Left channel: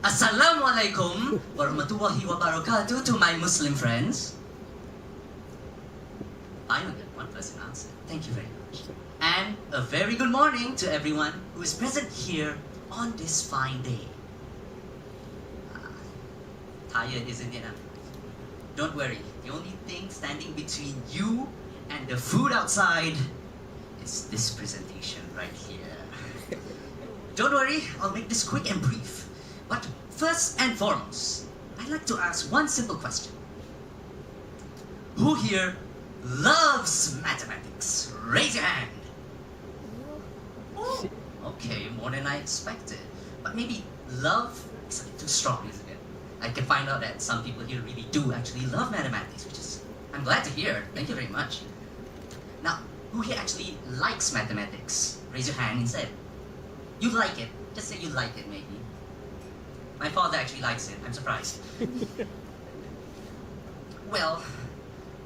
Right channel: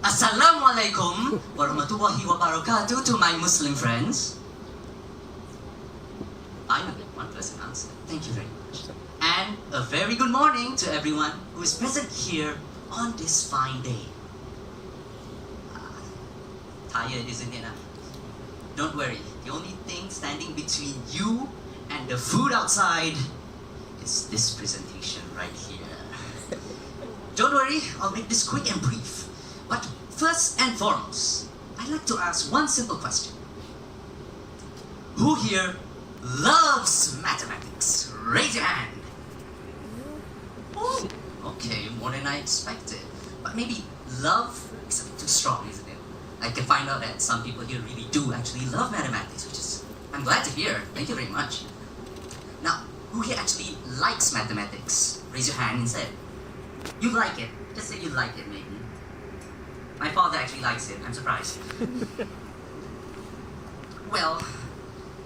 Assalamualaikum warahmatullahi wabarakatuh to my Muslim friends. Finally, one person answered. Thank you very much. And a very good morning to everyone who is present here on this fine day. Tired, isn't it? Don't worry. The only thing standing between you and the food outside is this presentation right here. Don't worry, I'll make this quick and brief. But first and foremost, I'd like to ask one simple question. Who here loves mathematics? Raise your hand. Oh, okay, more than I expected. But maybe love is a bit too strong, isn't it? I can find out that some people here really do actually love mathematics, which is, I'm glad to hear. Thank you very much. Now, who here actually likes mathematics? Raise your hand instead. You like it. Just say you like it, maybe. My father actually likes it. I'm surprised. Well,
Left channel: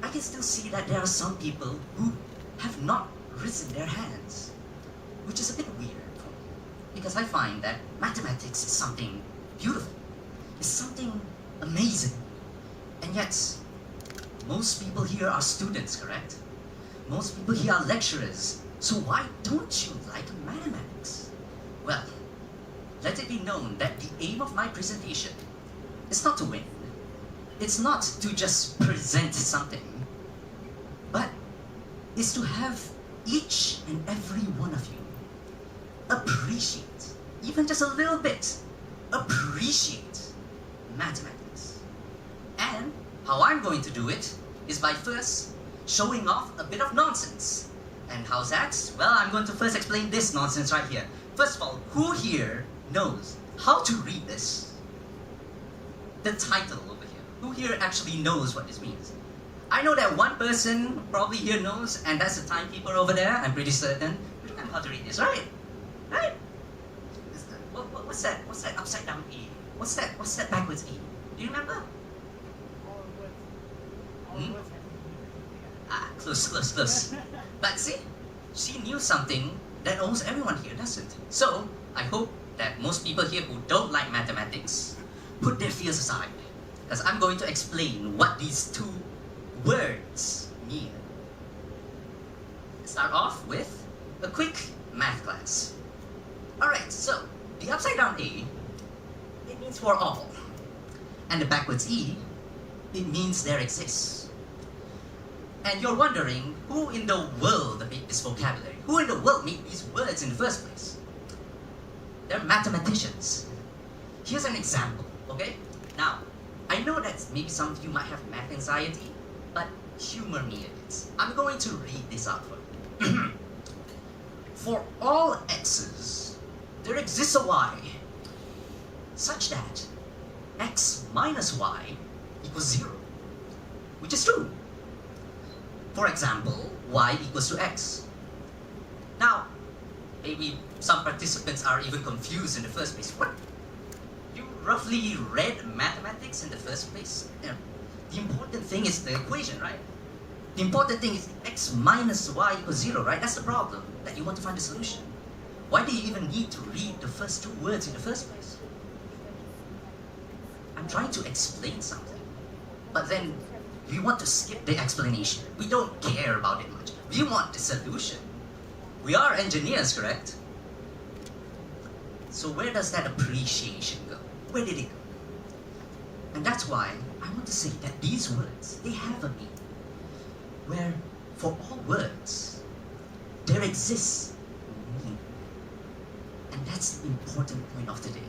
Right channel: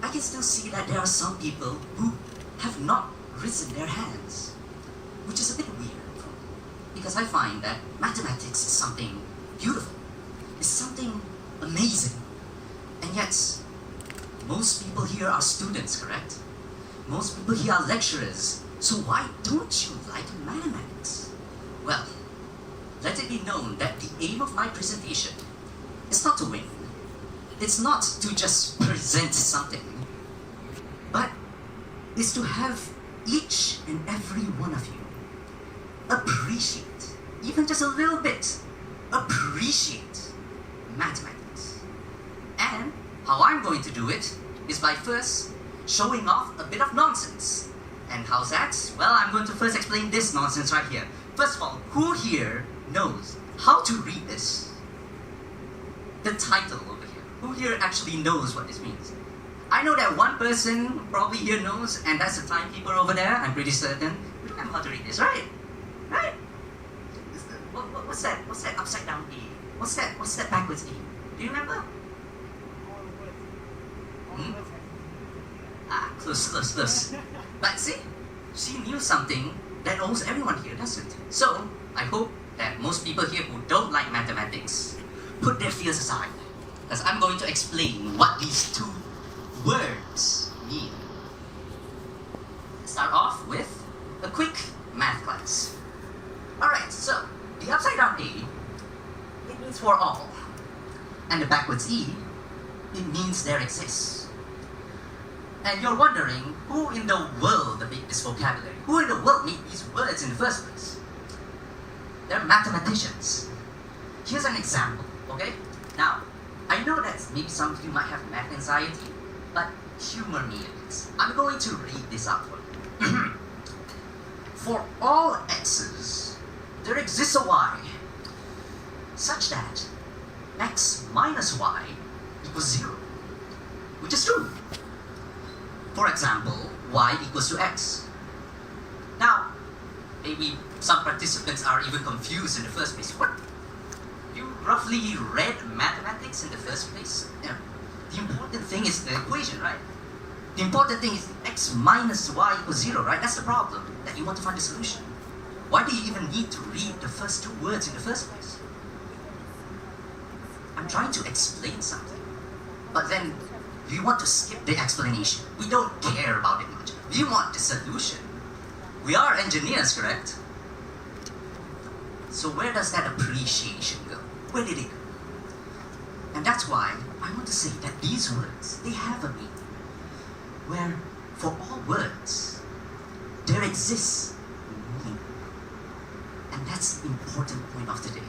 I can still see that there are some people who have not risen their hands, which is a bit weird for me, because I find that mathematics is something beautiful. It's something amazing. And yet, most people here are students, correct? Most people here are lecturers. So why don't you like mathematics? Well, let it be known that the aim of my presentation is not to win. It's not to just present something, but is to have each and every one of you appreciate, even just a little bit, appreciate mathematics. And how I'm going to do it is by first showing off a bit of nonsense. And how's that? Well, I'm going to first explain this nonsense right here. First of all, who here knows how to read this? The title over here. Who here actually knows what this means? I know that one person probably here knows, and that's the timekeeper over there. I'm pretty certain. You know how to read this, right? Right? What's that? What's that upside down E? What's that backwards E? Do you remember? Ah, close. But see, she knew something that almost everyone here doesn't. So, I hope that most people here who don't like mathematics put their fears aside, because I'm going to explain what these two words mean. Let's start off with a quick math class. Alright, so the upside down A, it means for all. And the backwards E, it means there exists. And you're wondering, who in the world made this vocabulary? Who in the world made these words in the first place? They're mathematicians. Here's an example, okay? Now, I know that maybe some of you might have math anxiety, but humor me in this. I'm going to read this out for you. For all x's, there exists a y, such that x minus y equals 0, which is true. For example, y equals to x. Now, maybe some participants are even confused in the first place. What? You roughly read mathematics in the first place? You know, the important thing is the equation, right? The important thing is x minus y equals 0, right? That's the problem, that you want to find a solution. Why do you even need to read the first two words in the first place? I'm trying to explain something, but then we want to skip the explanation. We don't care about it much. We want the solution. We are engineers, correct? So where does that appreciation go? Where did it go? And that's why I want to say that these words, they have a meaning. Where for all words, there exists meaning. And that's the important point of today.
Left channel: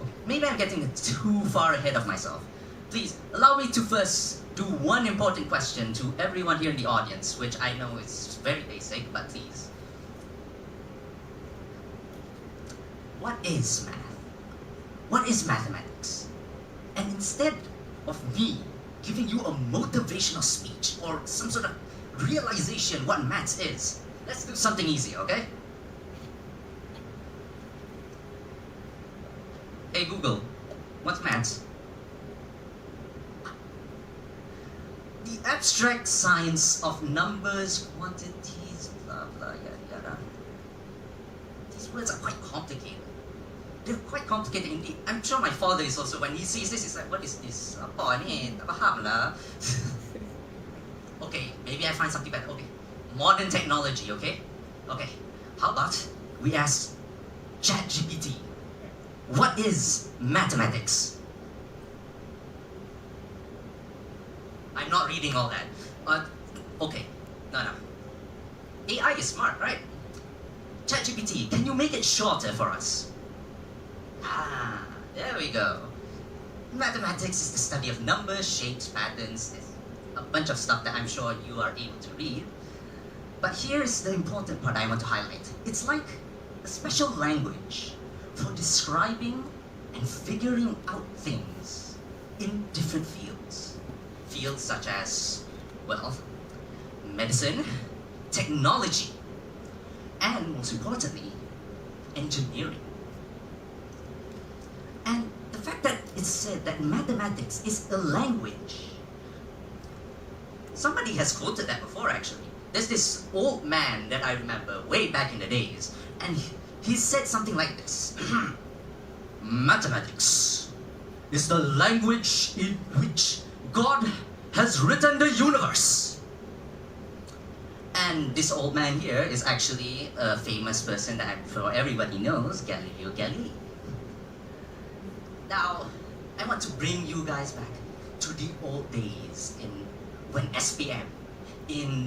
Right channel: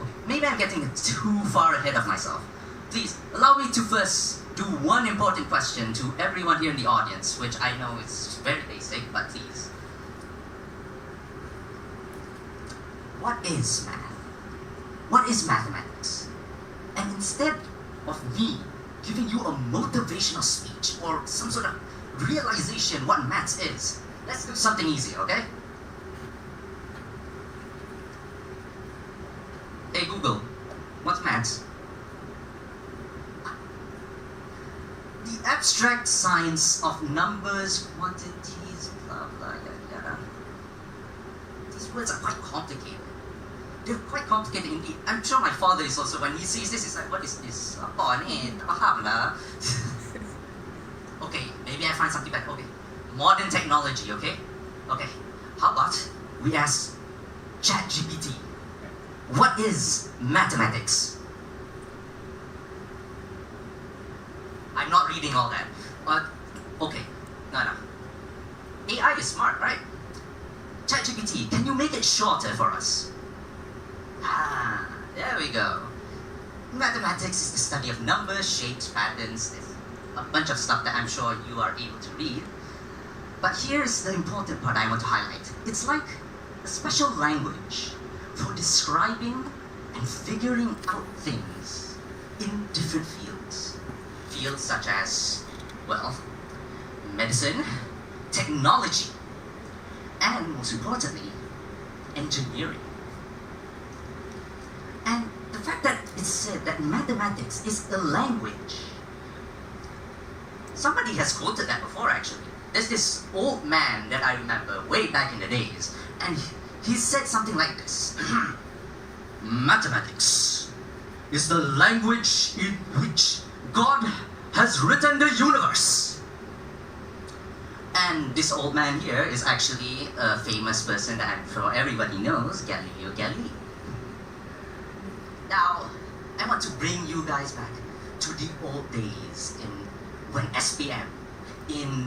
Okay, maybe I'm getting too far ahead of myself. Please, allow me to first do one important question to everyone here in the audience, which I know is very basic, but please. What is math? What is mathematics? And instead of me giving you a motivational speech or some sort of realization what maths is, let's do something easy, okay? Hey Google, what's maths? The abstract science of numbers, quantities, blah blah yada yada. These words are quite complicated. they're quite complicated indeed. I'm sure my father is also, when he sees this, he's like, what is this? Apa ni? Tak faham lah. Okay, maybe I find something better. Okay, modern technology, okay? Okay, how about we ask ChatGPT, what is mathematics? I'm not reading all that, but okay, no. AI is smart, right? ChatGPT, can you make it shorter for us? Ah, there we go. Mathematics is the study of numbers, shapes, patterns. There's a bunch of stuff that I'm sure you are able to read. But here's the important part I want to highlight. It's like a special language for describing and figuring out things in different fields. Fields such as, well, medicine, technology, and most importantly, engineering. And the fact that it's said that mathematics is a language, somebody has quoted that before actually. There's this old man that I remember way back in the days, and he said something like this. Mathematics is the language in which God has written the universe. And this old man here is actually a famous person that I'm sure everybody knows, Galileo Galilei. Now, I want to bring you guys back to the old days when SPM,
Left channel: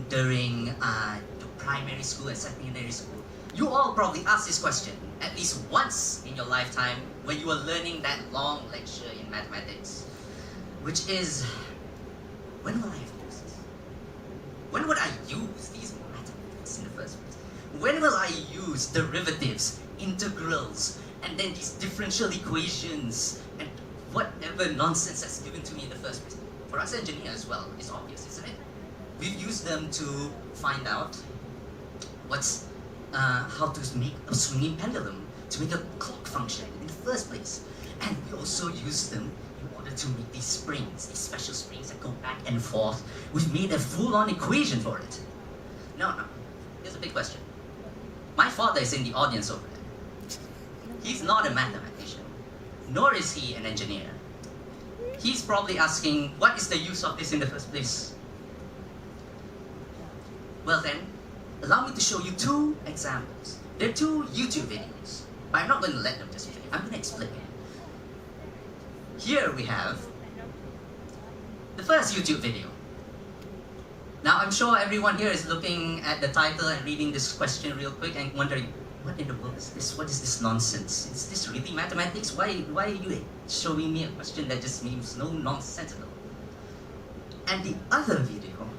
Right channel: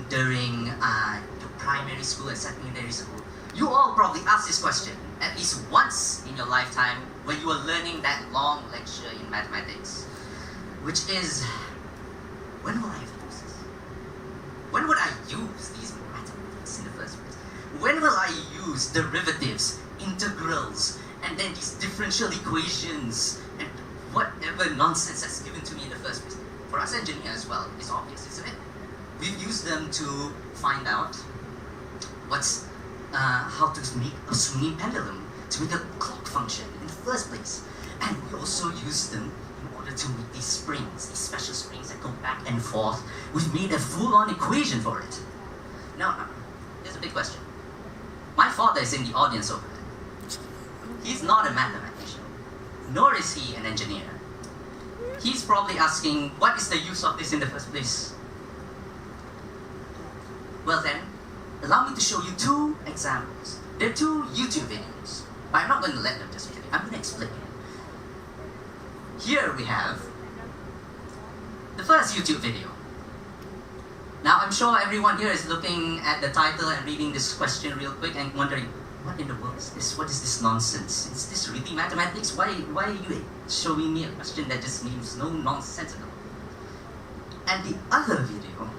during the primary school and secondary school. You all probably asked this question at least once in your lifetime when you were learning that long lecture in mathematics, which is, when will I use this? When would I use these mathematics in the first place? When will I use derivatives, integrals, and then these differential equations, and whatever nonsense that's given to me in the first place? For us engineers as well, it's obvious, isn't it? We've used them to find out how to make a swinging pendulum, to make a clock function in the first place. And we also use them in order to make these springs, these special springs that go back and forth. We've made a full-on equation for it. Now, there's a big question. My father is in the audience over there. He's not a mathematician, nor is he an engineer. He's probably asking, what is the use of this in the first place? Well then, allow me to show you two examples. They're two YouTube videos, but I'm not going to let them just read it. I'm going to explain it. Here we have the first YouTube video. Now I'm sure everyone here is looking at the title and reading this question real quick and wondering, what in the world is this? What is this nonsense? Is this really mathematics? Why are you showing me a question that just means no nonsense at all? And the other video,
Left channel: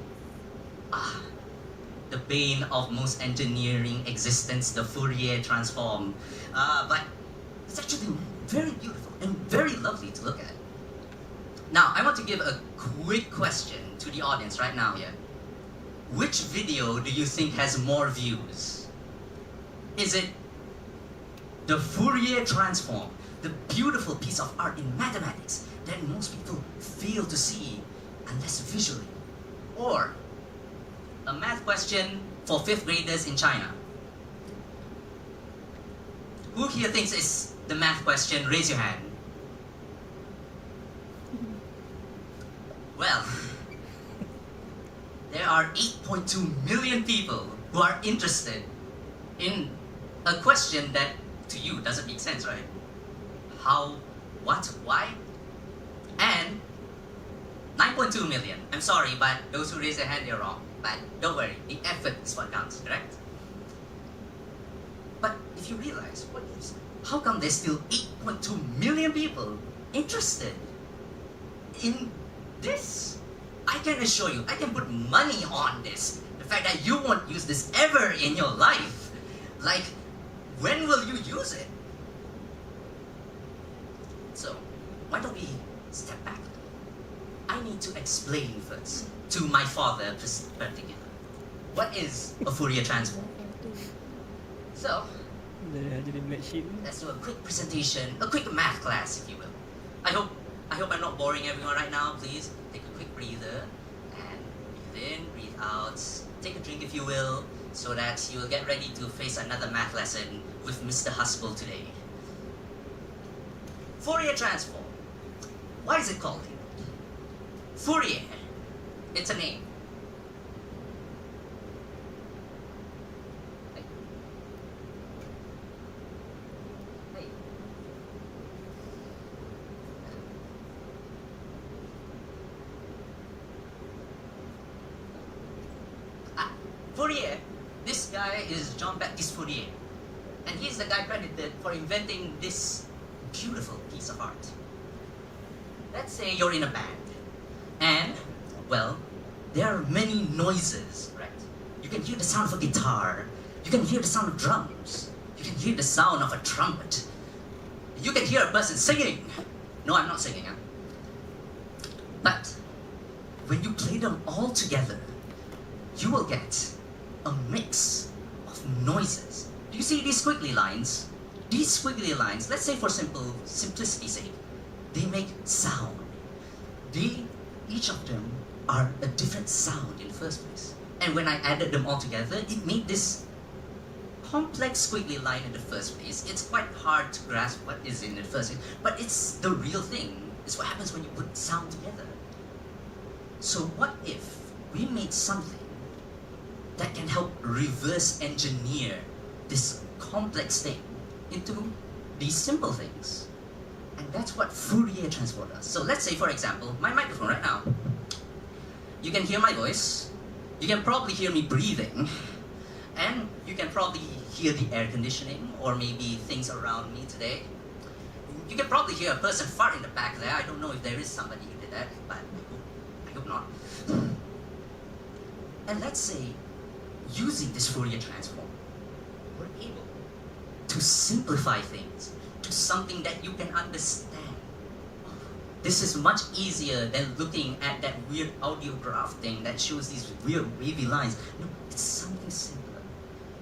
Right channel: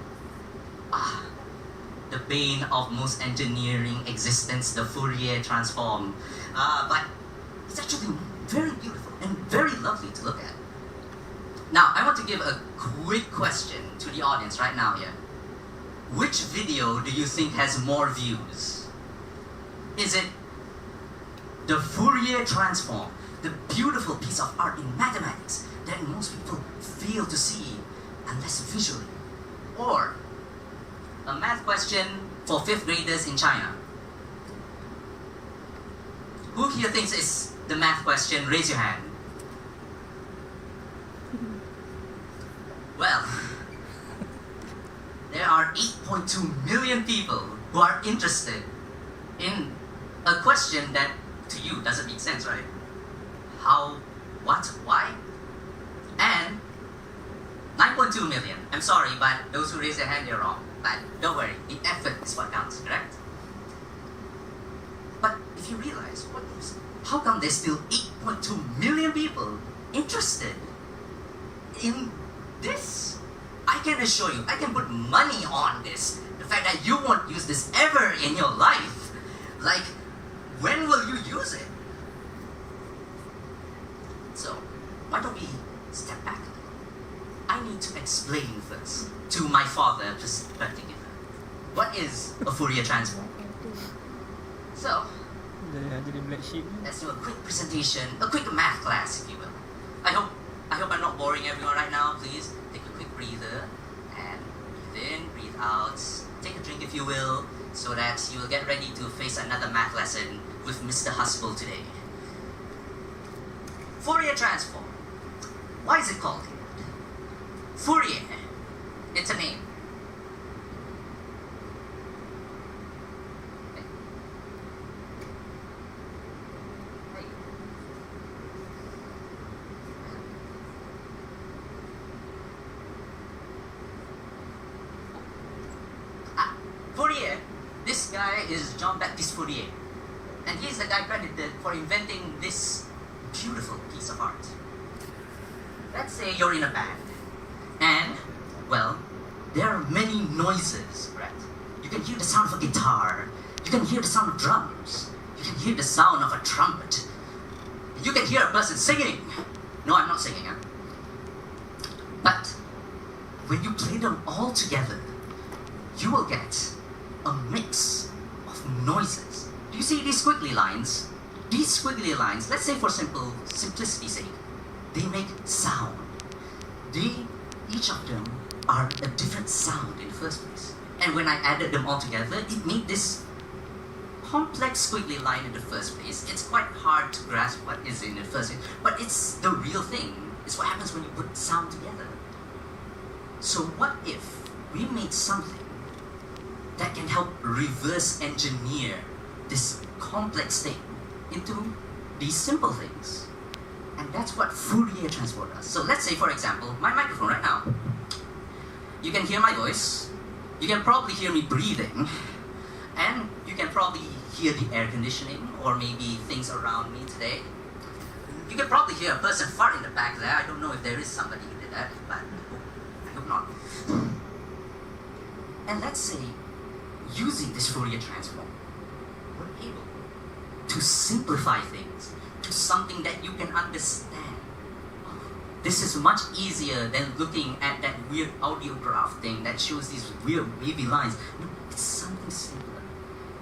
the bane of most engineering existence, the Fourier transform. But it's actually very beautiful and very lovely to look at. Now, I want to give a quick question to the audience right now here. Which video do you think has more views? Is it the Fourier transform, the beautiful piece of art in mathematics that most people fail to see unless visually? Or a math question for 5th graders in China? Who here thinks it's the math question? Raise your hand. Well, there are 8.2 million people who are interested in a question that to you doesn't make sense, right? How, what, why? And 9.2 million. I'm sorry, but those who raise their hand, they're wrong. But don't worry, the effort is what counts, correct? But if you realize, how come there's still 8.2 million people interested in this? I can assure you, I can put money on this. The fact that you won't use this ever in your life. Like, when will you use it? So, why don't we step back? I need to explain first to my father particular. What is a Fourier transform? So, let's do a quick presentation, a quick math class, if you will. I hope I'm not boring everyone right now. Please take a quick breather and breathe in, breathe out. Take a drink, if you will, so that you will get ready to face another math lesson with Mr. Huspel today. Fourier transform. Why is it called that? Fourier. It's a name. Fourier, this guy is Jean-Baptiste Fourier, and he's the guy credited for inventing this beautiful piece of art. Let's say you're in a band, and, well, there are many noises, right? You can hear the sound of a guitar, you can hear the sound of drums, you can hear the sound of a trumpet, you can hear a person singing. No, I'm not singing, huh? But when you play them all together, you will get a mix of noises. Do you see these squiggly lines? These squiggly lines, let's say for simplicity's sake, they make sound. Each of them are a different sound in the first place. And when I added them all together, it made this complex squiggly line in the first place. It's quite hard to grasp what is in the first place, but it's the real thing. It's what happens when you put sound together. So what if we made something that can help reverse engineer this complex thing into these simple things? And that's what Fourier transform does. So let's say, for example, my microphone right now. You can hear my voice, you can probably hear me breathing, and you can probably hear the air conditioning or maybe things around me today. You can probably hear a person fart in the back there. I don't know if there is somebody who did that, but I hope not. And let's say, using this Fourier transform, we're able to simplify things to something that you can understand. This is much easier than looking at that weird audio graph thing that shows these weird wavy lines. No, it's something simpler.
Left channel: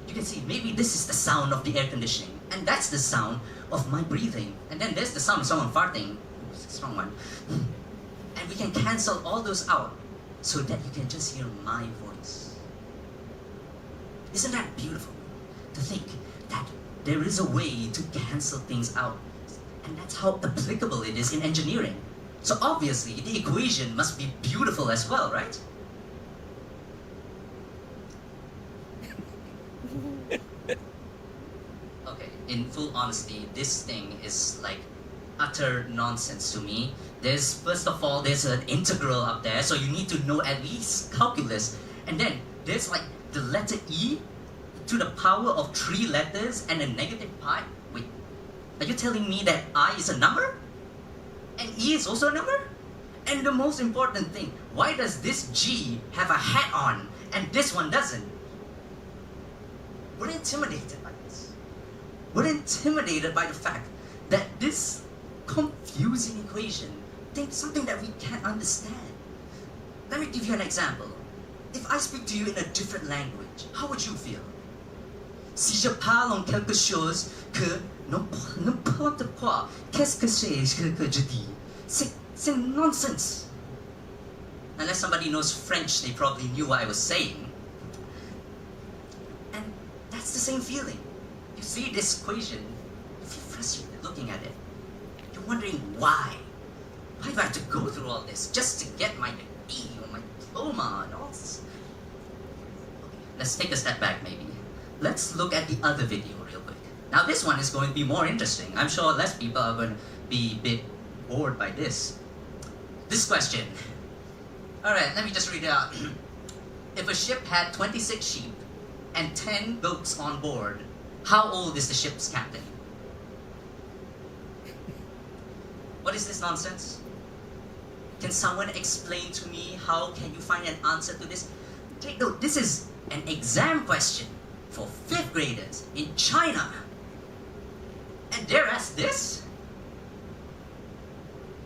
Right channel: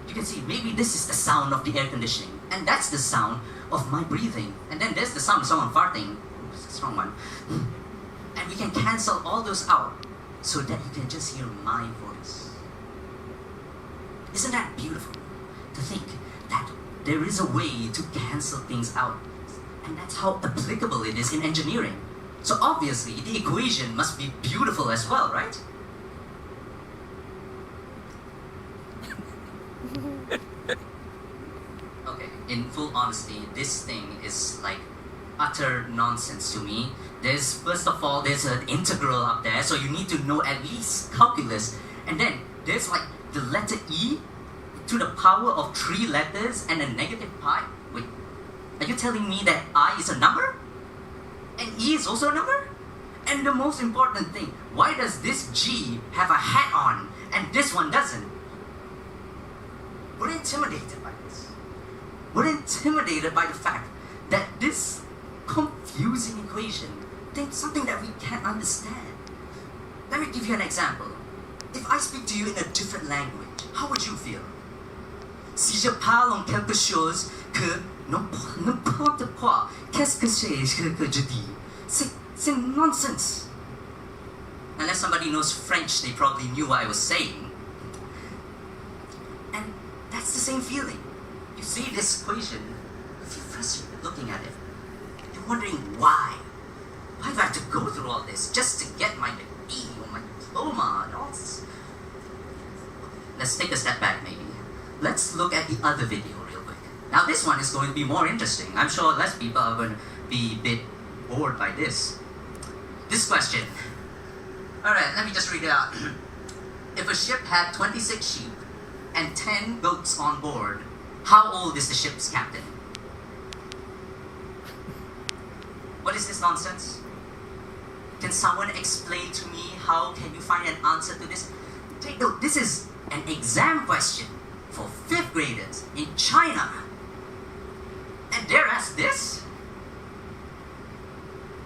You can see, maybe this is the sound of the air conditioning, and that's the sound of my breathing, and then there's the sound of someone farting. Ooh, it's a strong one. And we can cancel all those out so that you can just hear my voice. Isn't that beautiful? To think that there is a way to cancel things out. And that's how applicable it is in engineering. So obviously, the equation must be beautiful as well, right? Okay, in full honesty, this thing is like utter nonsense to me. First of all, there's an integral up there, so you need to know at least calculus. And then there's like the letter E to the power of 3 letters and a negative pi. Wait, are you telling me that I is a number? And E is also a number? And the most important thing, why does this G have a hat on and this one doesn't? We're intimidated by this. We're intimidated by the fact that this confusing equation is something that we can't understand. Let me give you an example. If I speak to you in a different language, how would you feel? Si je parle en quelque chose que n'importe quoi, qu'est-ce que je dis? C'est nonsense. Unless somebody knows French, they probably knew what I was saying. And that's the same feeling. You see this equation, you feel frustrated looking at it. You're wondering why? Why do I have to go through all this just to get my degree or my diploma and all this? Let's take a step back maybe. Let's look at the other video real quick. Now this one is going to be more interesting. I'm sure less people are going to be a bit bored by this. This question. Alright, let me just read it out. If a ship had 26 sheep and 10 goats on board, how old is the ship's captain? What is this nonsense? Can someone explain to me how can you find an answer to this? Take note, this is an exam question for 5th graders in China. And they're asked this?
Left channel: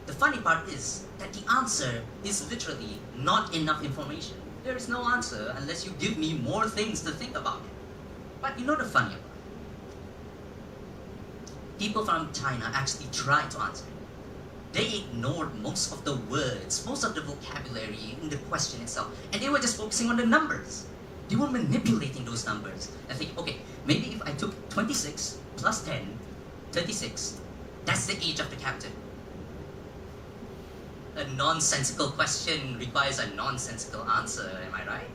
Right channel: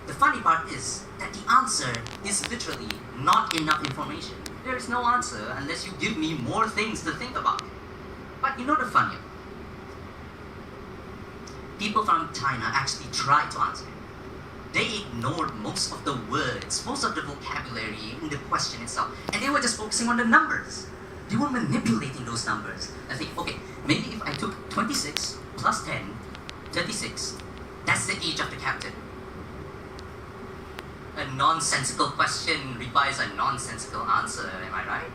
The funny part is that the answer is literally not enough information. There is no answer unless you give me more things to think about. But you know the funny? People from China actually tried to answer. They ignored most of the words, most of the vocabulary in the question itself, and they were just focusing on the numbers. They were manipulating those numbers. I think, okay, maybe if I took 26 plus 10, 36, That's the age of the captain. A nonsensical question requires a nonsensical answer, am I right?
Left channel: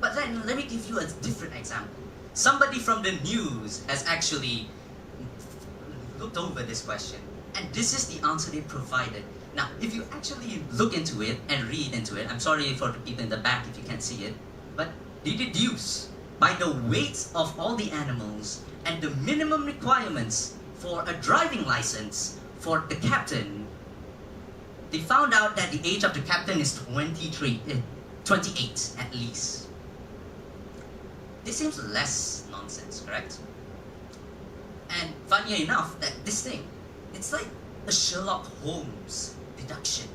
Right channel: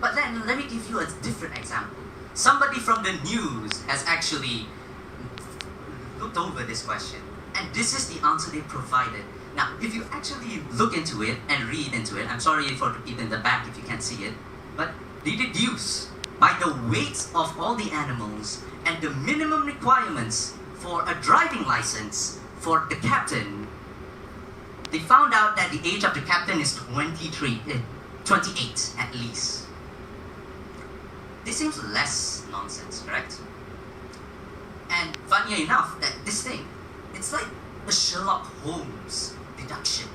But then, let me give you a different example. Somebody from the news has actually looked over this question, and this is the answer they provided. Now, if you actually look into it and read into it, I'm sorry for the people in the back if you can't see it, but they deduce by the weights of all the animals and the minimum requirements for a driving license for the captain, they found out that the age of the captain is 28 at least. This seems less nonsense, correct? And funny enough, that this thing, it's like a Sherlock Holmes deduction.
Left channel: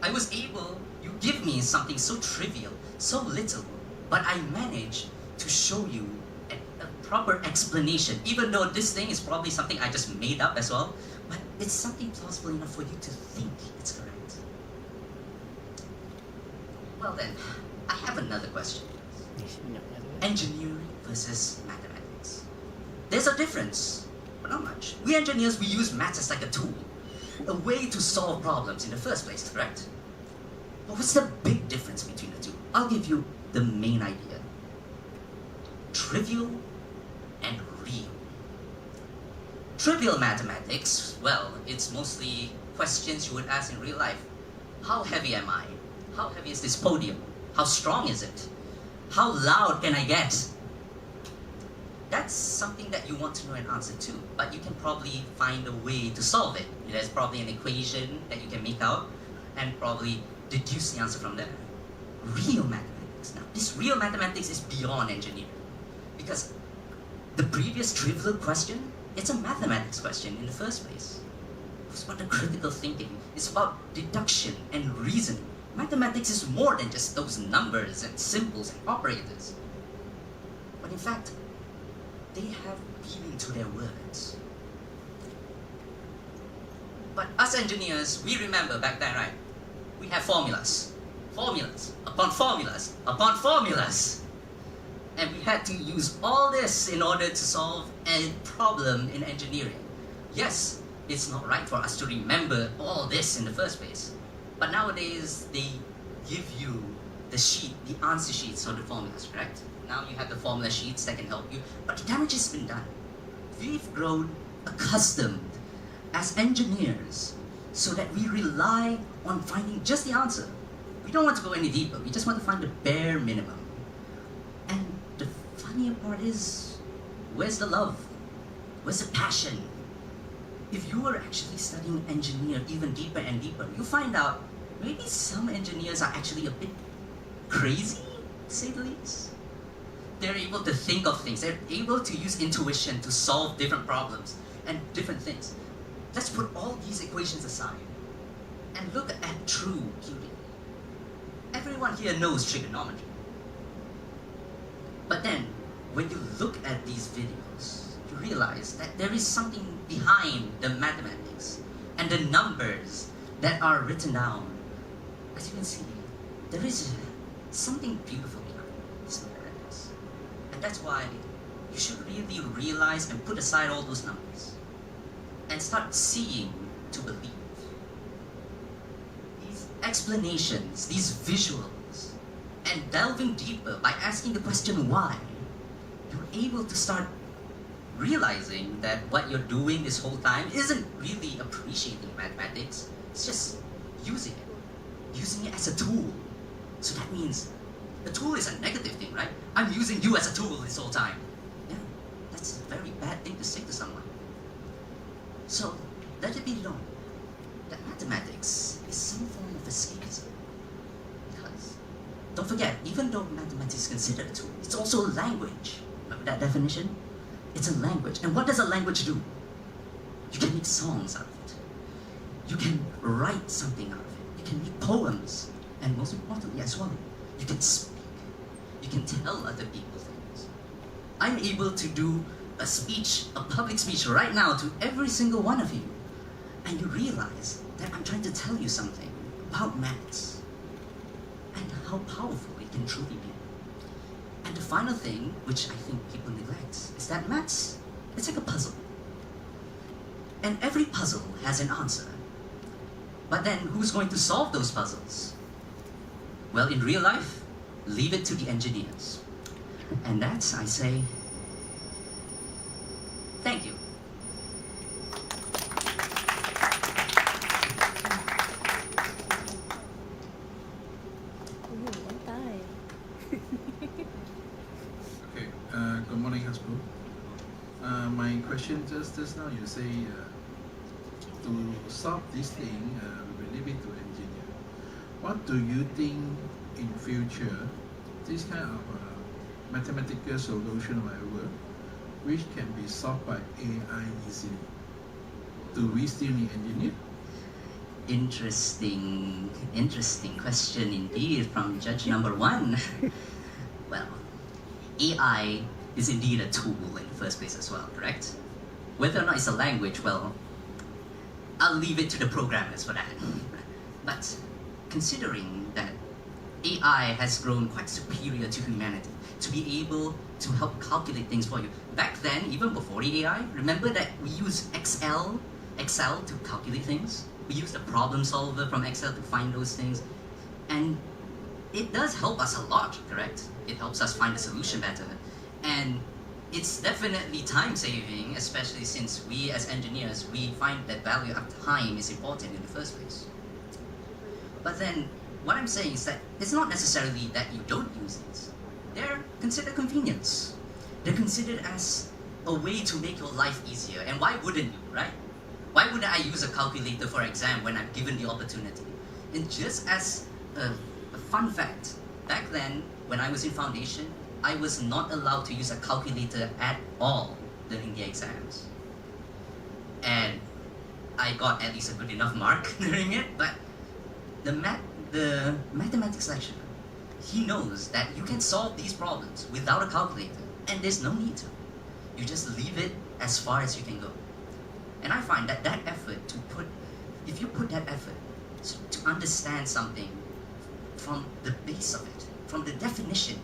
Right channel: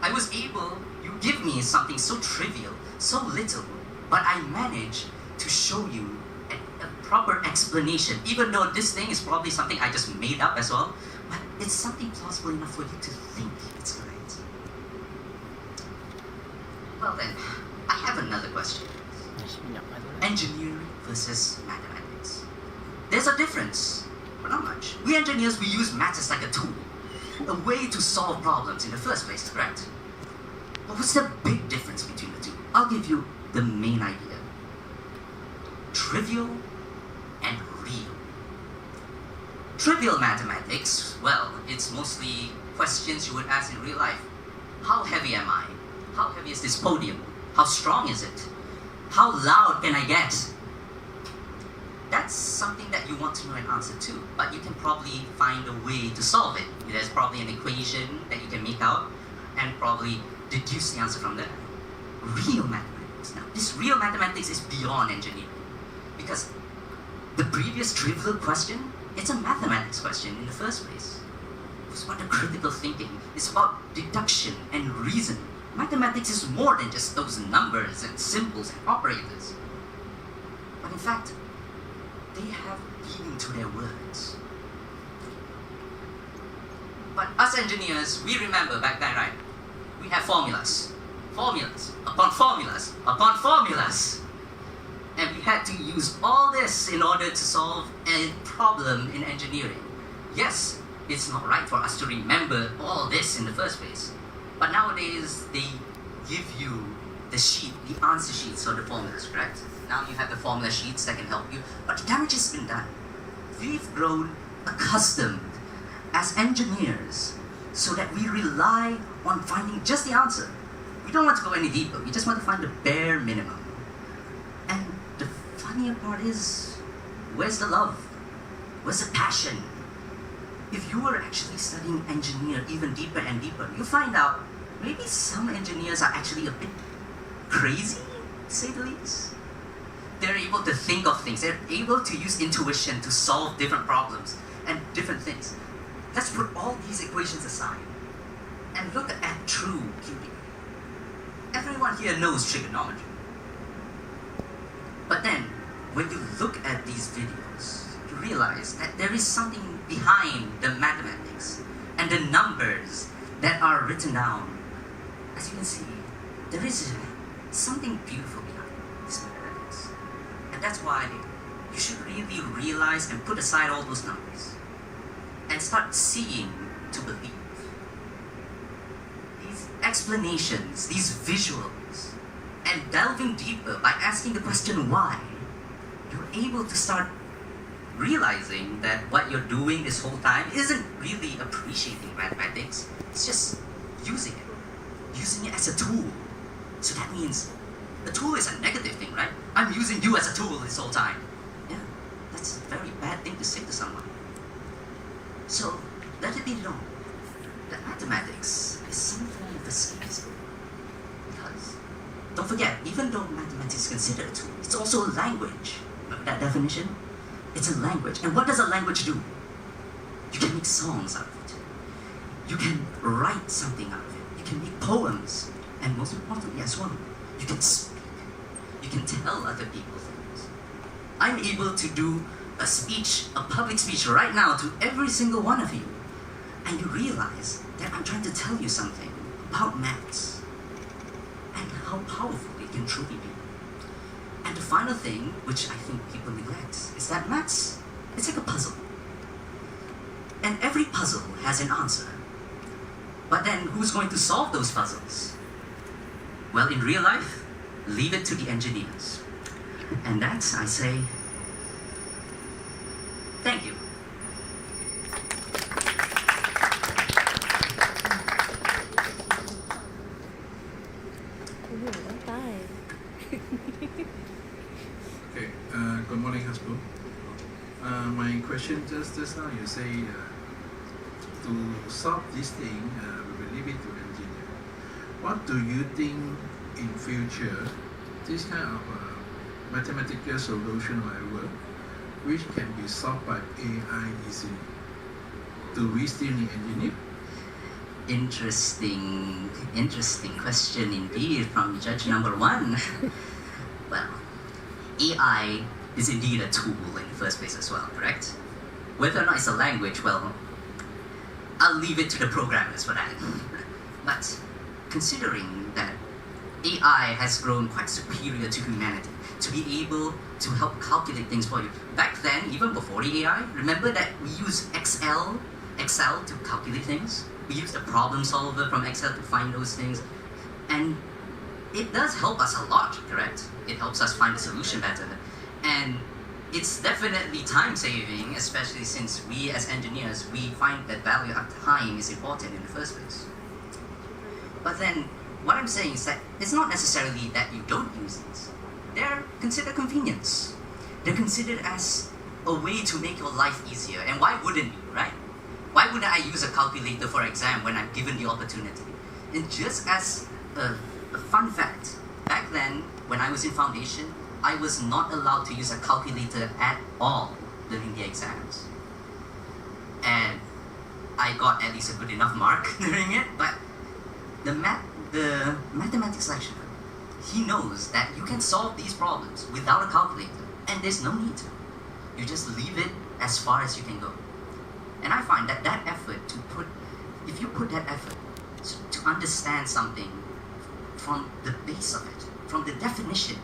I was able, you give me something so trivial, so little, but I managed to show you a proper explanation, even though this thing is probably something I just made up as well, but it's something plausible enough for you to think it's correct. Well then, I have another question. Engineering versus mathematics. There's a difference, but not much. We engineers, we use maths as like a tool, a way to solve problems in the first place, correct? But what's the big difference between the two? I'll give you the main idea. Trivial and real. Trivial mathematics, well, it's mostly questions you would ask in real life. How heavy am I? How heavy is this podium? How strong is it? How loud can I get? That's something that you want to know an answer to, but you can probably find a way to solve it. There's probably an equation that you can make out and probably deduce the answer from there. Real mathematics. Now, this real mathematics is beyond engineering, because the previous trivial question, it's a mathematics question in the first place. It's about the critical thinking. It's about deduction and reasoning. Mathematics is more than just those numbers and symbols and operators. But in fact, they have meaning to their words. But us engineers, we remember back then, right? We have formulas. Formulas upon formulas upon formulas. And we had to use all this in order to solve a problem in engineering. Yes, it's not right for us to remember all this in the first place. But nowadays, they give you the sheet, the answer sheets for the formulas, correct? Now you have the formula sheets that can help you, but the damage has been done. We've grown accustomed as engineers so that we rely on finding just the answer. We don't want to go any deeper, we just want to find the bare minimum. And the funnier part is, where's the love? Where's the passion? If you were actually studying engineer even deeper and deeper, you find out maybe some engineers are actually a bit crazy, to say the least. They're able to think of things. They're able to use intuition to solve different problems and different things. Let's put all these equations aside and look at true beauty. Everyone here knows trigonometry. But then, when you look at these videos, you realize that there is something behind the mathematics and the numbers that are written down. As you can see, there is something beautiful behind this mathematics. And that's why you should really realize and put aside all those numbers and start seeing to believe. These explanations, these visuals, and delving deeper by asking the question why, you're able to start realizing that what you're doing this whole time isn't really appreciating mathematics, it's just using it as a tool. So that means a tool is a negative thing, right? I'm using you as a tool this whole time. Yeah, that's a very bad thing to say to someone. So let it be known that mathematics is some form of escapism. Because, don't forget, even though mathematics is considered a tool, it's also a language. Remember that definition? It's a language. And what does a language do? You can make songs out of it. You can write something out of it. You can make poems. And most importantly as well, you can speak. You can tell other people things. I'm able to do a speech, a public speech right now to every single one of you. And you realize that I'm trying to tell you something about maths and how powerful it can truly be. And the final thing, which I think people neglect, is that maths, it's like a puzzle. And every puzzle has an answer. But then who's going to solve those puzzles? Well, in real life, leave it to the engineers. And that's, I say, thank you. Okay, good morning, Hasbro. My question just now, you say to solve this thing, we will leave it to engineer. What do you think in future, this kind of mathematical solution, whatever, which can be solved by AI easily? Do we still need engineer? Interesting question indeed from judge number one. Well, AI is indeed a tool in the first place as well, correct? Whether or not it's a language, well, I'll leave it to the programmers for that. But considering that AI has grown quite superior to humanity to be able to help calculate things for you. Back then, even before the AI, remember that we used Excel to calculate things? We use the problem solver from Excel to find those things, and it does help us a lot, correct? It helps us find a solution better, and it's definitely time saving, especially since we as engineers, we find that value of time is important in the first place. But then, what I'm saying is that it's not necessarily that you don't use these. They're considered convenience. They're considered as a way to make your life easier, and why wouldn't you, right? Why wouldn't I use a calculator for exam when I'm given the opportunity? And just as a fun fact, back then, when I was in foundation, I was not allowed to use a calculator at all during the exams. And I got at least a good enough mark during it, but the mathematics lecturer, he knows that you can solve these problems without a calculator, and there's no need to. You just leave it as far as you can go. And I find that effort if you put that effort to understand something from the base of it, from the definition,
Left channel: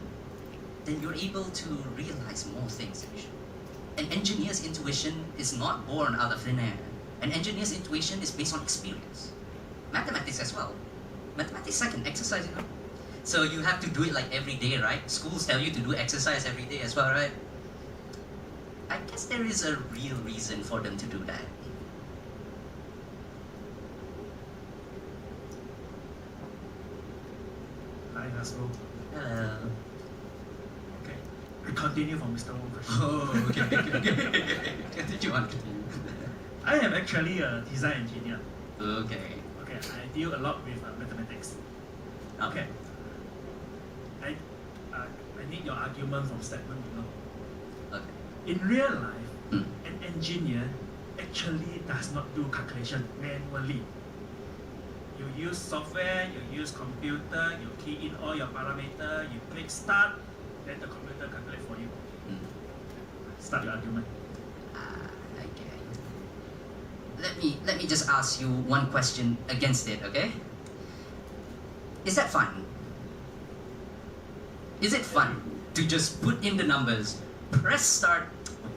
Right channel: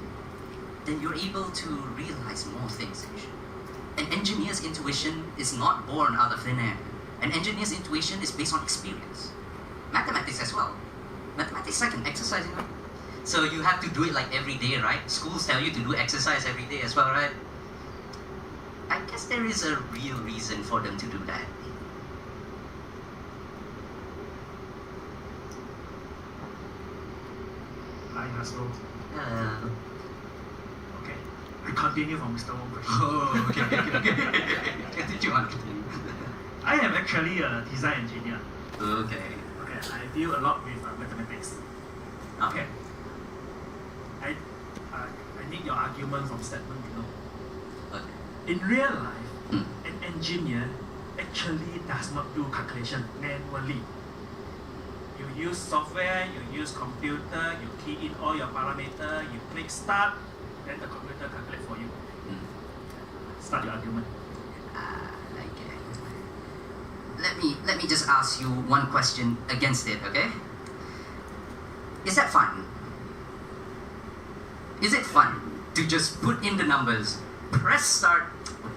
then you're able to realize more things. An engineer's intuition is not born out of thin air. An engineer's intuition is based on experience. Mathematics as well. Mathematics is like an exercise, you know? So you have to do it like every day, right? Schools tell you to do exercise every day as well, right? I guess there is a real reason for them to do that. Hi, Hasbro. Uh, Okay, I continue from Mr. Wong question. oh, okay. Continue on. I am actually a design engineer. Okay. Okay, I deal a lot with mathematics. Okay. I need your argument from statement below. Okay. In real life, Mm. an engineer actually does not do calculation manually. You use software, you use computer, you key in all your parameters, you click start, then the computer calculate for you. Mm. Start your argument. Okay. Let me just ask you one question against it, okay? Is that fun? Is it fun to just put in the numbers, press start,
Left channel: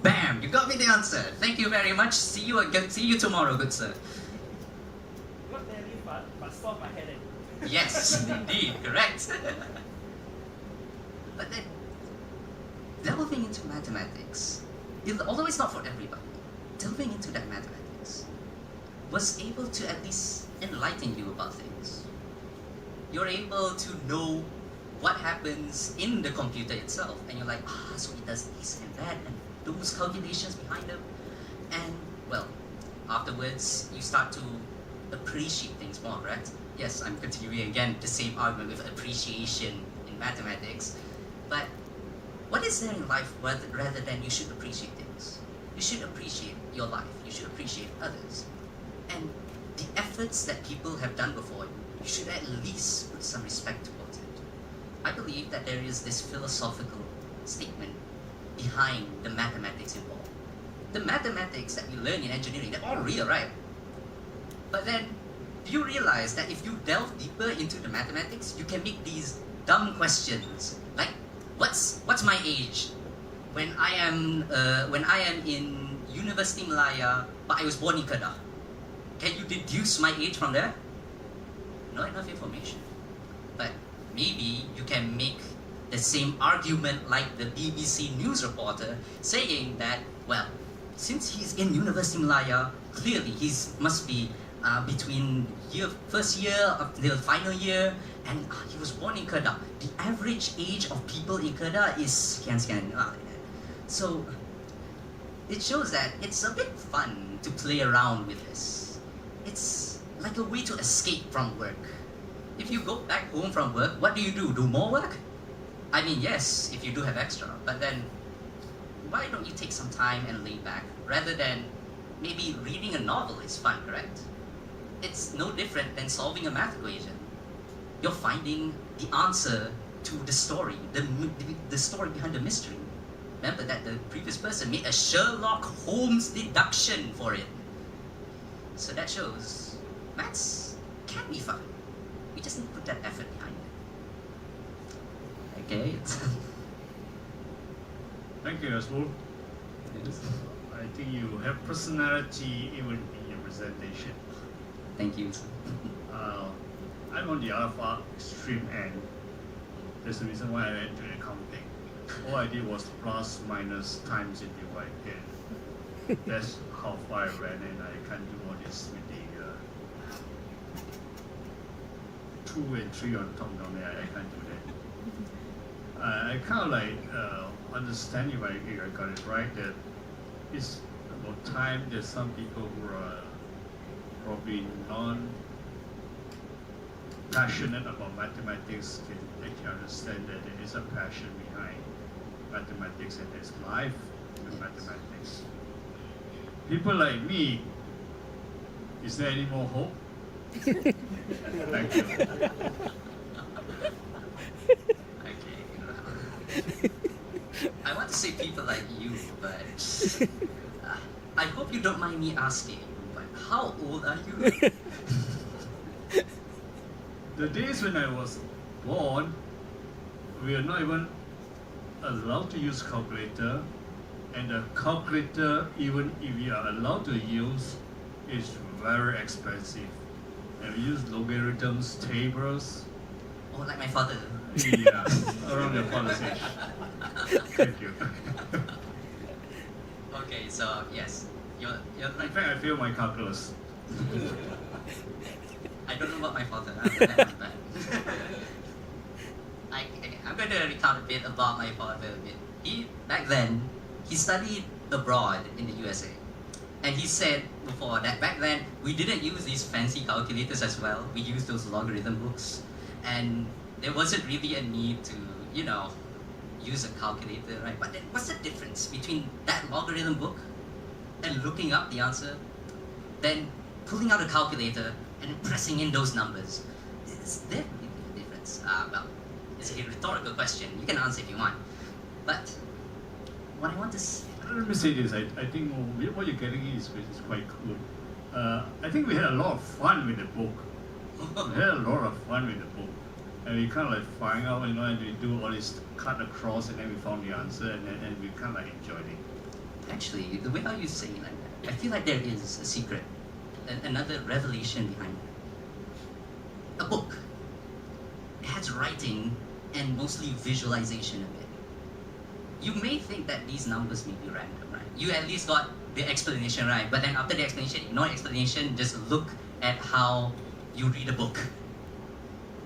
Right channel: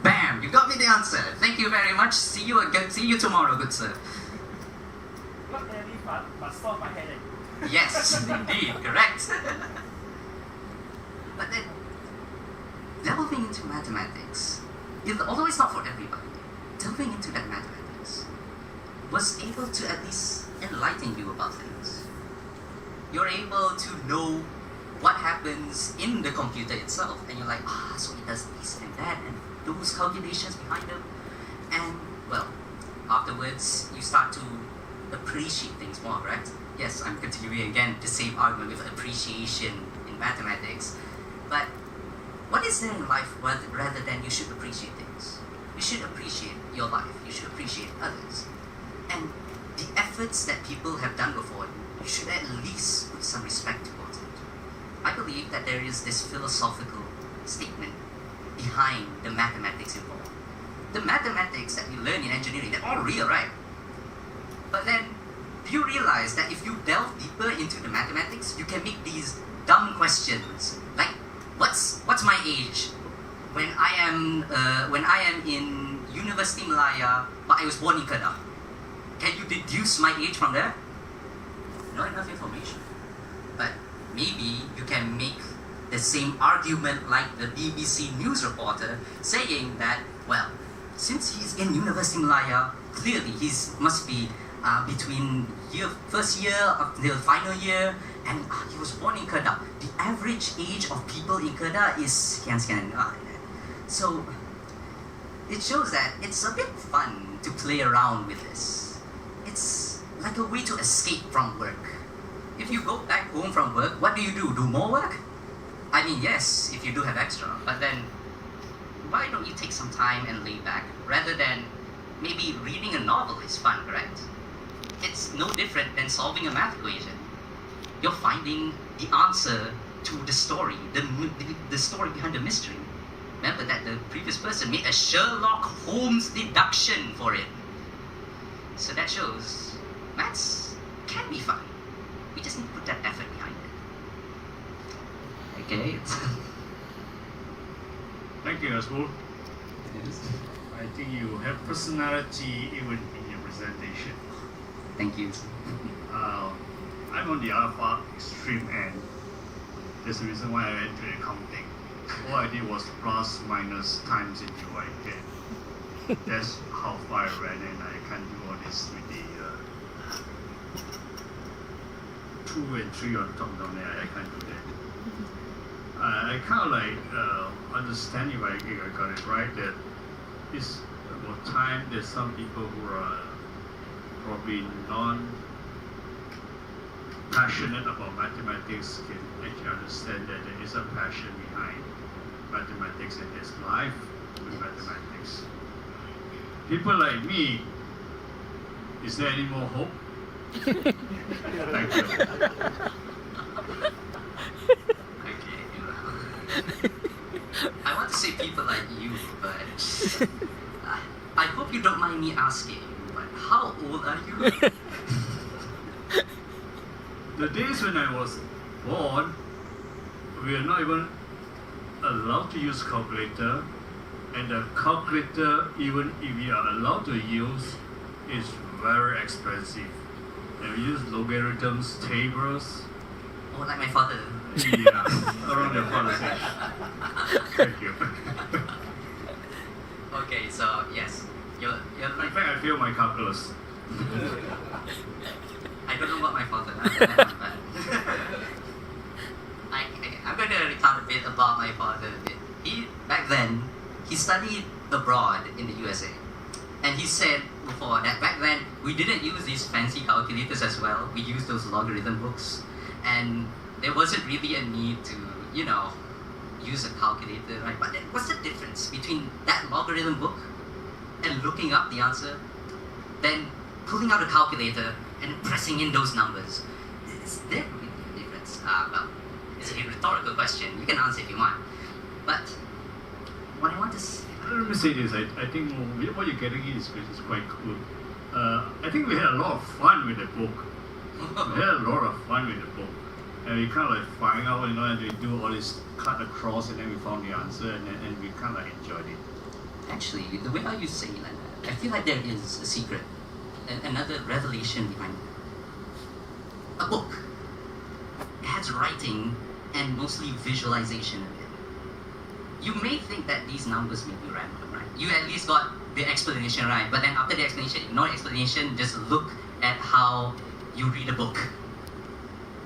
bam, you got me the answer. Thank you very much. See you again. See you tomorrow, good sir. Not very fun, but solve my headache. Yes, indeed, correct. But then, delving into mathematics, although it's not for everybody, delving into that mathematics was able to at least enlighten you about things. You're able to know what happens in the computer itself, and you're like, so it does this and that, and those calculations behind them. And, well, afterwards, you start to appreciate things more, right? Yes, I'm continuing again the same argument with appreciation in mathematics. But what is there in life rather than you should appreciate things? You should appreciate your life. You should appreciate others. And the efforts that people have done before you should at least put some respect towards it. I believe that there is this philosophical statement behind the mathematics involved. The mathematics that we learn in engineering, they're all real, right? But then, do you realize that if you delve deeper into the mathematics, you can make these dumb questions like, what's my age when I am in University Malaya, but I was born in Kedah. Can you deduce my age from there? Not enough information. But maybe you can make the same argument like the BBC news reporter saying that, well, since he's in University Malaya, clearly he must be between first year up till final year, and he was born in Kedah. The average age of people in Kedah is sekian. So it shows that it's a bit fun to play around with this. It's like a way to escape from work. If you go back home from work, what do? Do more work? I mean, yes, if you do have extra, but then why don't you take some time and lay back rather than maybe reading a novel is fun, correct? It's no different than solving a math equation. You're finding the answer to the story, the story behind the mystery. Remember that the previous person made a Sherlock Holmes deduction for it. So that shows maths can be fun. We just need to put that effort behind it. Okay. Thank you, Asbul. I think you have personality even in your presentation. Thank you. I'm on the other far extreme end. That's the reason why I went to accounting. All I did was plus, minus, times, and divide. That's how far I went, and I can't do all this with the 2 and 3 on top down there. I can't do that. I kind of like understand if I got it right that it's about time that some people who are probably non-passionate about mathematics can actually understand that there is a passion behind mathematics and there's life with mathematics. People like me, is there any more hope? Thank you. I want to say people like you, but I hope you don't mind me asking, but how old are you? The days when I was born, we are not even allowed to use calculator, and the calculator, even if we are allowed to use, is very expensive. And we use logarithms, tables. Oh, like my father. Yeah, around your father's age. Thank you. Okay, so yes, you're In like, fact, I failed my calculus. I don't know what my father does, but I'm going to recount a bit about my father. Back then, he studied abroad in the USA. And he said before that back then, we didn't use these fancy calculators as well. We used those logarithm books. And there wasn't really a need to, use a calculator, right? But then what's the difference between that logarithm book and looking up the answer, then pulling out a calculator and pressing in those numbers? Is there really a difference? Well, it's a rhetorical question. You can answer if you want. But what I want to say... Let me say this, I think what you're getting is quite cool. I think we had a lot of fun with the book. We had a lot of fun with the book. And we kind of like find out, and we do all this cut across, and then we found the answer, and we kind of like enjoyed it. Actually, the way how you say it, I feel like there is a secret, another revelation behind it. A book. It has writing and mostly visualization in it. You may think that these numbers may be random, right? You at least got the explanation right, but then after the explanation, ignore the explanation, just look at how you read a book.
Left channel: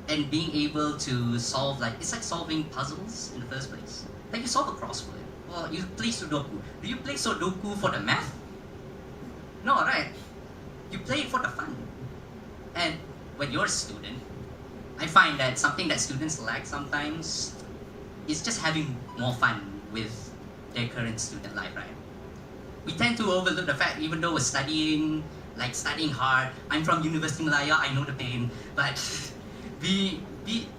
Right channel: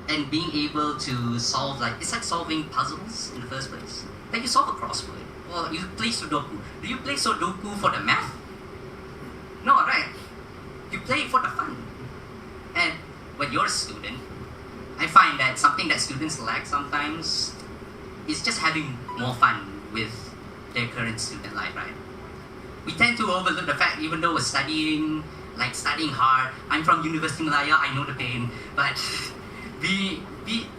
And being able to solve, it's like solving puzzles in the first place. Like you solve a crossword, or you play Sudoku. Do you play Sudoku for the math? No, right? You play it for the fun. And when you're a student, I find that something that students lack sometimes is just having more fun with their current student life, right? We tend to overlook the fact, even though we're studying hard. I'm from University Malaya, I know the pain, but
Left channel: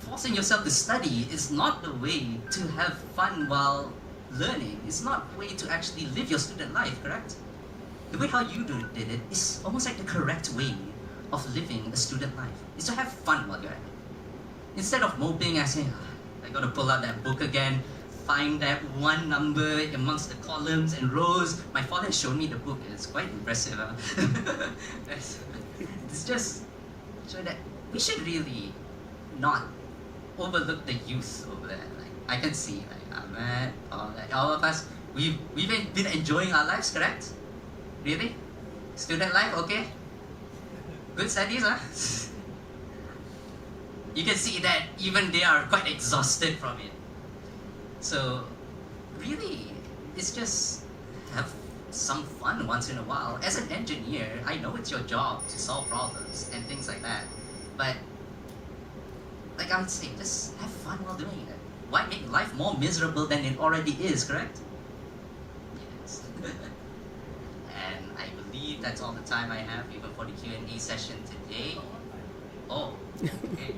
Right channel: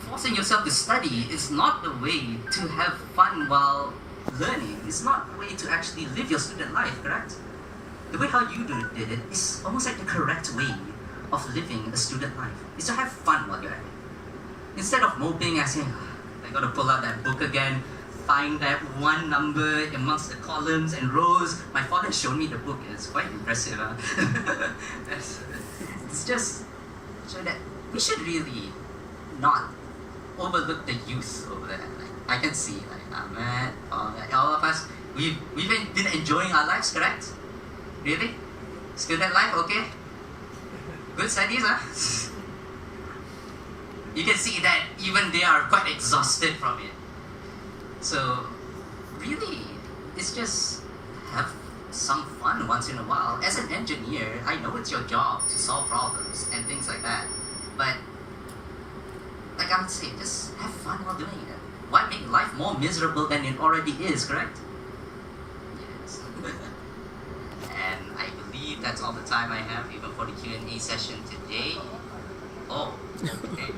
forcing yourself to study is not the way to have fun while learning. It's not the way to actually live your student life, correct? The way how you did it is almost like the correct way of living a student life. Is to have fun while you're at it. Instead of moping and saying, I gotta pull out that book again, find that one number amongst the columns and rows. My father showed me the book. It's quite impressive. It's just so that we should really not overlook the youth over there. Like, I can see, like Ahmed, all of us, we've been enjoying our lives, correct? Really? Student life, okay? Good studies, huh? You can see that even they are quite exhausted from it. So, really, it's just have some fun once in a while. As an engineer, I know it's your job to solve problems and things like that. But, like I would say, just have fun while doing it. Why make life more miserable than it already is, correct? Yes. And I believe that's all the time I have, even for the Q&A session today. Oh, okay.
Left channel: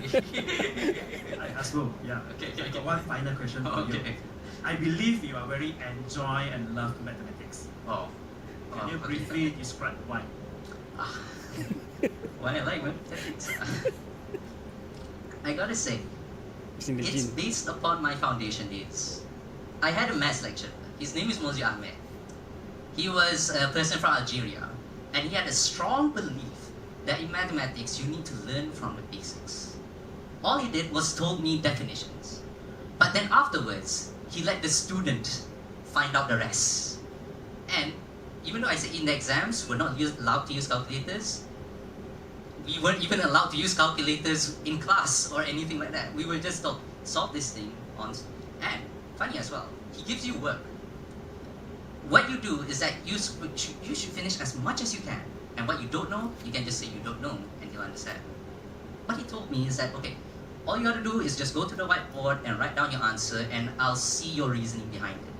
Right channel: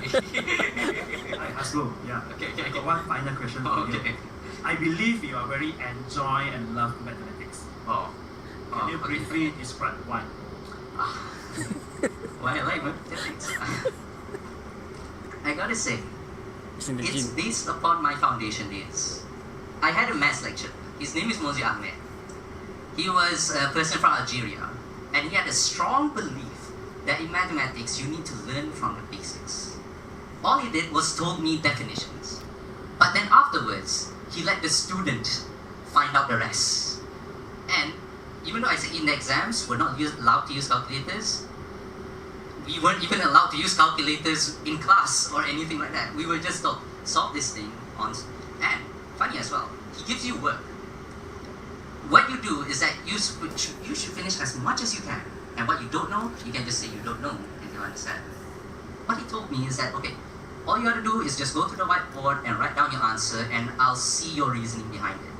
Hasbro, yeah. Okay. I got one final question for Okay. you. I believe you are very enjoy and love mathematics. Oh. Can you Okay. briefly describe why? Why I like mathematics? I gotta say, It's in the it's gene. based upon my foundation days. I had a maths lecturer. His name is Mozi Ahmed. He was a person from Algeria, and he had a strong belief that in mathematics you need to learn from the basics. All he did was told me definitions. But then afterwards, he let the student find out the rest. And even though I said in the exams, we're not allowed to use calculators, we weren't even allowed to use calculators in class or anything like that. We were just told, solve this thing on, and funny as well, he gives you work. What you do is that you should finish as much as you can. And what you don't know, you can just say you don't know and you'll understand. What he told me is that, okay, all you gotta do is just go to the whiteboard and write down your answer and I'll see your reasoning behind it.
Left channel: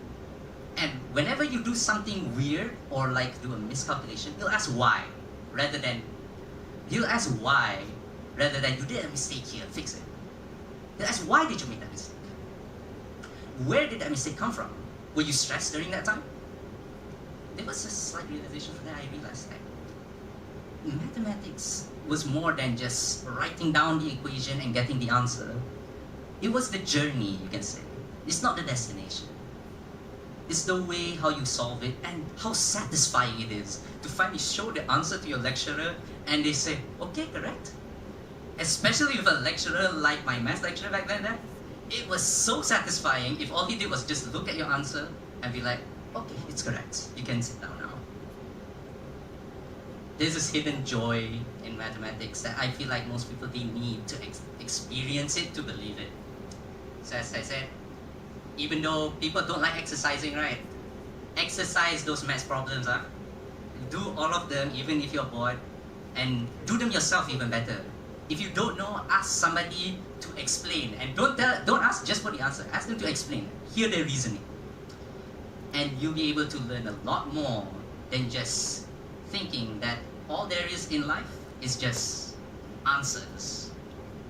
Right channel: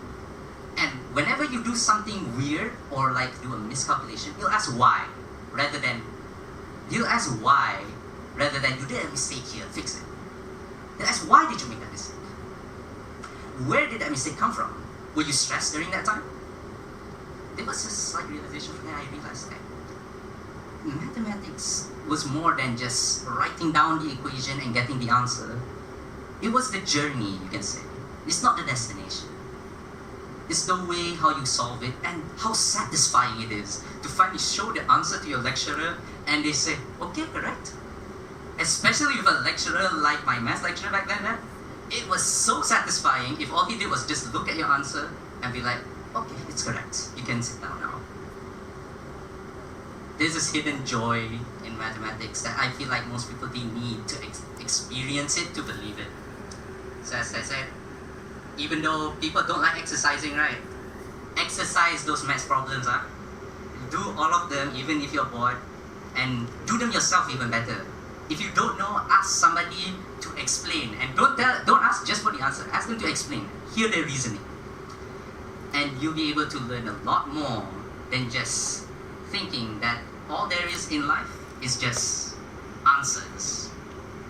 And whenever you do something weird or like do a miscalculation, you'll ask why rather than you did a mistake here, fix it. You'll ask why did you make that mistake? Where did that mistake come from? Were you stressed during that time? There was a slight realization from there I realized that mathematics was more than just writing down the equation and getting the answer. It was the journey, you can say. It's not the destination. It's the way how you solve it and how satisfying it is to finally show the answer to your lecturer and they say, okay, correct. Especially with a lecturer like my math lecturer back then, it was so satisfying if all he did was just look at your answer and be like, okay, it's correct. You can sit down now. There's this hidden joy in mathematics that I feel like most people didn't need to experience it to believe it. So as I said, even though people don't like exercising, right? Exercise those math problems, huh? Do all of them even if you're bored, and do them yourself even better. If you don't know, ask somebody to explain, and don't ask just for the answer. Ask them to explain. Hear their reasoning, and you'll be able to learn a lot more than just thinking that all there is in life is just answers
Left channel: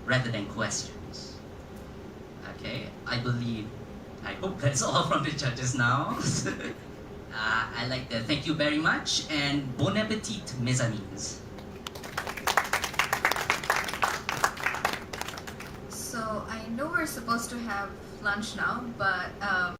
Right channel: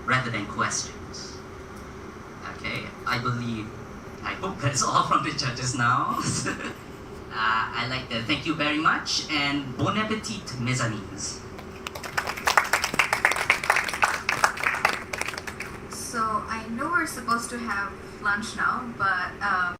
rather than questions. Okay, I hope that's all from the judges now. I'd like to thank you very much and bon appetit, mes amis. So I know we're supposed to have lunch now, but